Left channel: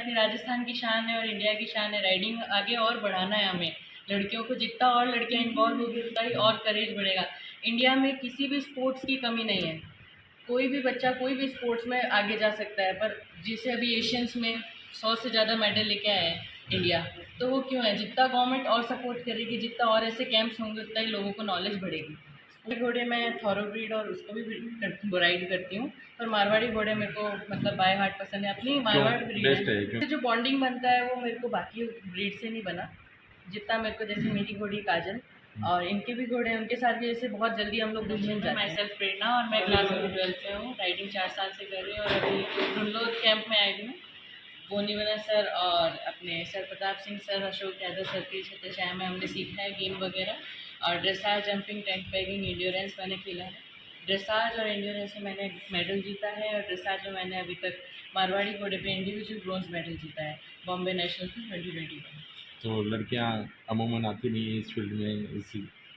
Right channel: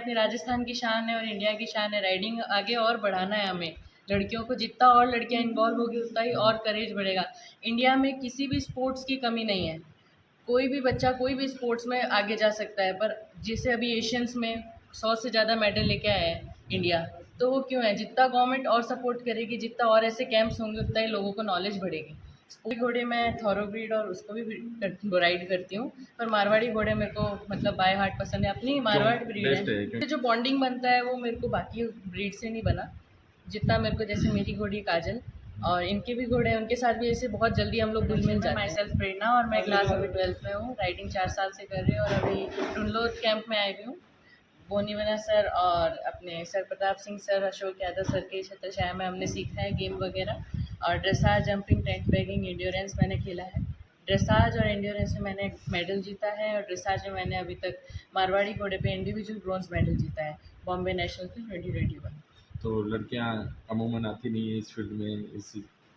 अपनी राजस्थान की शान है और इंडिया की शान है। राइडिंग आगे और बढ़ाना है हमें। लड़कियों को जितना और लड़कियां इन्वॉल्व होगी उतना ही और करेज बढ़ेगा। इंडिया में किसी भी स्पोर्ट्स की कमी नहीं है। कोई भी बच्चा कोई भी स्पोर्ट्स में आगे जा सकता है, पर जैसे अभी एशियंस में 100 से ज़्यादा मेडल लेके आया है इंडिया, तो वो क्यों है? जितना गवर्नमेंट और सपोर्ट करेगी, जितना और ऐसे कैंप्स होंगे, उतना ही लोगों को नॉलेज बढ़ेगी। स्पोर्ट घोड़े मैं थॉरोब्रीड और उसको भी राइड करती हूँ, पर मारवाड़ी घोड़े मेरे को मतलब बाय हार्ट पसंद है। अपनी मारवाड़ ब्रीड बेस्ट है है। जो बॉन्डिंग बनता है वो मेरे को बाकी ब्रीड से नहीं बना, जितना मेरे को जैसे मेरी घोड़ी काजल और इनके भी घोड़े हैं, उनके साथ भी ऐसे बहुत जल्दी हम लोग घुल मिल जाते हैं। माई सेल्फ प्रेरणा और मैं क्लास अभी 12th में हूँ। राइडिंग 4 साल से कर रही हूँ और अभी ढूंढलोद कैंप में आई हुई हूँ। बोनीवला सर और अपने sir Pratap Singh sir, Ashok Yadav sir के छत्रछाया में हमने सीखा है गेम वगैरह। और dressage, jumping, tank bagging, endurance मैंने खेला है। ड्रेसाज और एंड्योरेंस में मैंने मेडल जीता है और ड्रेसाज में मैंने अभी तक मारवाड़ी घोड़े पे इंडिविजुअल ब्रॉन्ज मेडल जीता है बॉम्बे नेशनल की 2021। तो लड़कियां अमूमन आती नहीं है इस फील्ड में, इस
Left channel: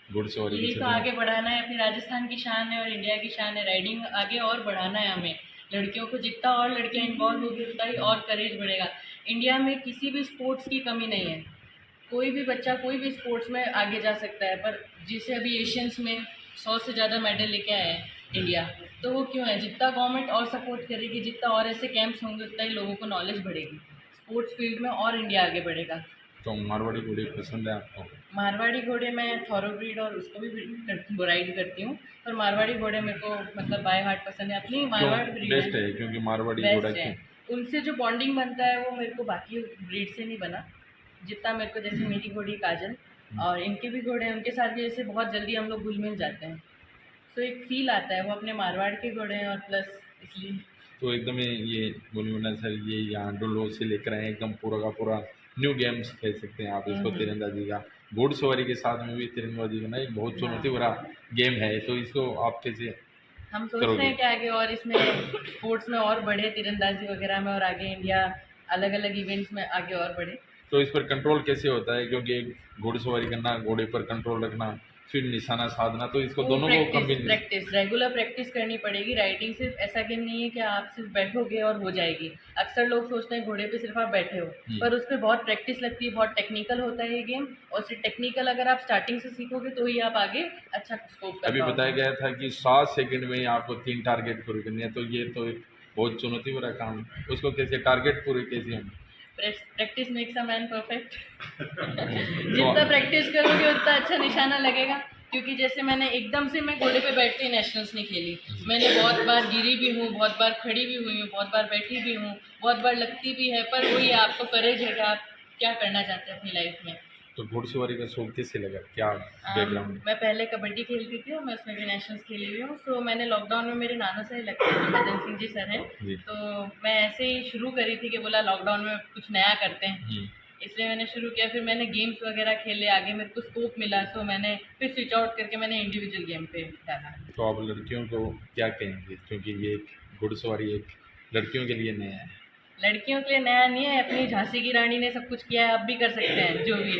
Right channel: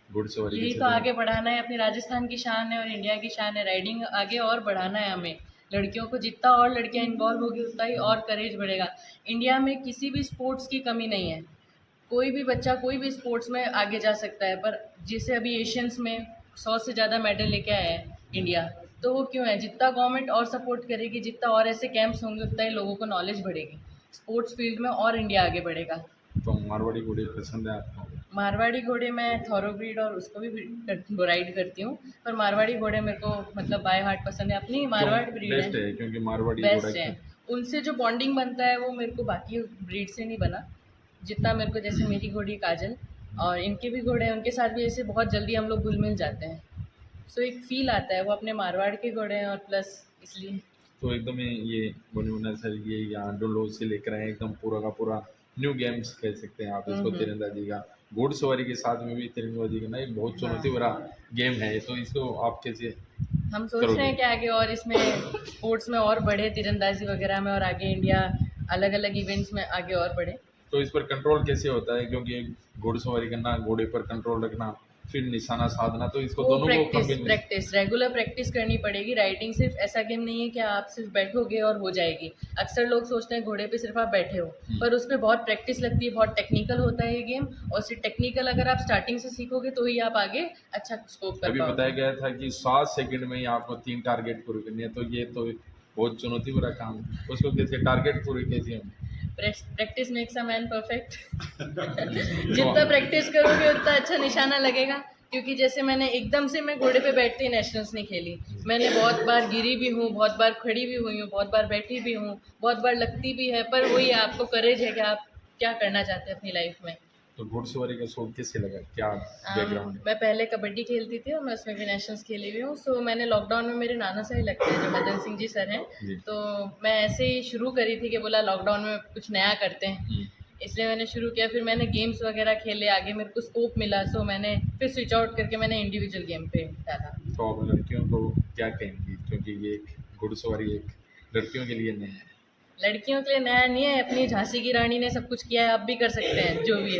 घुड़सवारी के यही तो क्षेत्र आगे में। बढ़ाना है। अपनी राजस्थान की शान है और इंडिया की शान है। राइडिंग आगे और बढ़ाना है हमें। लड़कियों को जितना और लड़कियां इन्वॉल्व होगी उतना ही और करेज बढ़ेगा। इंडिया में किसी भी स्पोर्ट्स की कमी नहीं है। कोई भी बच्चा कोई भी स्पोर्ट्स में आगे जा सकता है, पर जैसे अभी एशियंस में 100 से ज़्यादा मेडल लेके आया है इंडिया, तो वो क्यों है? जितना गवर्नमेंट और सपोर्ट करेगी, जितना और ऐसे कैंप्स होंगे, उतना ही लोगों को नॉलेज बढ़ेगी। स्पोर्ट्स फील्ड में और इंडिया आगे बढ़ेगा। तो मारवाड़ी घोड़े पसंद है आपको? मारवाड़ी घोड़े मैं थॉरोब्रीड और उसको भी राइड करती हूँ, पर मारवाड़ी घोड़े मेरे को मतलब बाय हार्ट पसंद है। अपनी मारवाड़ ब्रीड बेस्ट है। है क्योंकि मारवाड़ी घोड़ा बेस्ट है। उनसे जो बॉन्डिंग बनता है वो मेरे को बाकी ब्रीड से नहीं बना, जितना मेरे को जैसे मेरी घोड़ी काजल और इनके भी घोड़े हैं, उनके साथ भी ऐसे बहुत जल्दी हम लोग घुल मिल जाते हैं। सो एक फील आता है, वो अपने मारवाड़ के घोड़े हैं और प्लस इसलिए। तो एकदम ही ये बोनीवला सर ये यहाँ डोलो से लेकर आए एकदम पूरा का पूरा न्यू गेम्स कह सकते हैं आप इसको, तीरंदाजी का। घोड़सवारी के साथ में भी तीरंदाजी का ना एक बहुत चुनौती भरा गेम है, तो इसको आप कैसे हम सोच रहे करोगे? हैं कि आगे और इसमें स्पोर्ट्स में और बढ़े, तीरंदाजी वगैरह में, और आगे इंडिया अलग अलग इवेंट्स में आगे और बढ़े। तो इस पर कंट्रोल कैसे होता है? क्योंकि घोड़सवारी करना, घोड़े पर कंट्रोल रखना, फिर निशाना साधना, तो इसको वो दोनों को कम्बिनेशन। प्रैक्टिस रेगुलर प्रैक्टिस करनी पड़ेगी। राइडिंग सिर्फ ऐसा गेम नहीं है कि आप सिर्फ बैठोगे और हो जाएगी। अक्सर लोग सोचते हैं घोड़े पे सिर्फ आप बैठे हो, पर उस पर बहुत प्रैक्टिस लगती है। बहुत टेक्निकल होता है ये गेम, और सिर्फ टेक्निकल अगर आप स्टार्टिंग से सीखोगे तो ही आप आगे अच्छा स्कोप कर अभी बताया पाओगे। गया था कि 7 सेकंड में आपको 3 टारगेट पूरे करने हैं, तो ये तो एक बहुत चुनौती भरा काम है। उसको कैसे टारगेट पूरे कैसे होंगे? Practice makes a man perfect. जितना तो प्रैक्टिस करोगे उतना अच्छा निशाना लगेगा। क्योंकि जैसे मैंने एकदम से मैं घोड़े पे बैठते ही नेशनल्स नहीं खेली। मैंने बहुत बार गिरी भी हूँ, बहुत बार खड़ी भी हुई हूँ, बहुत बार बैठी भी हूँ, बहुत बार लगती भी है, पर वही आपको करेज है कि आप क्या करना चाहते हैं अपनी लाइफ में। तो घुड़सवारी का शौक कैसे लगा, क्या बैकग्राउंड? मैं पहले कबड्डी खेलती थी और मैं उसमें भी नेशनल्स खेली हुई हूँ। सो मैंने लॉकडाउन में, मेरे नाना से ही लगते हैं जो मदन सिंह जी सर हैं, जी। तो मैं ऐसे ही शुरू करी थी कि बोला लॉकडाउन में कुछ नया करते हैं, हम्म। इसलिए मैंने शुरू किया। फिर मैंने गेम्स वगैरह खेले, आगे मेरे को स्कोप मिला, सो मैंने फिर स्विच आउट करके मैंने इंडिविजुअल गेम पे डाला। तो आप लड़कियों को क्या कहेंगे, क्योंकि ये एक घुड़सवारी एक लड़कियों के लिए नया है? लड़कियों के लिए नया नहीं है, अपनी झांसी की रानी ने सब कुछ किया है, अब भी कर सकते हैं जो भी है।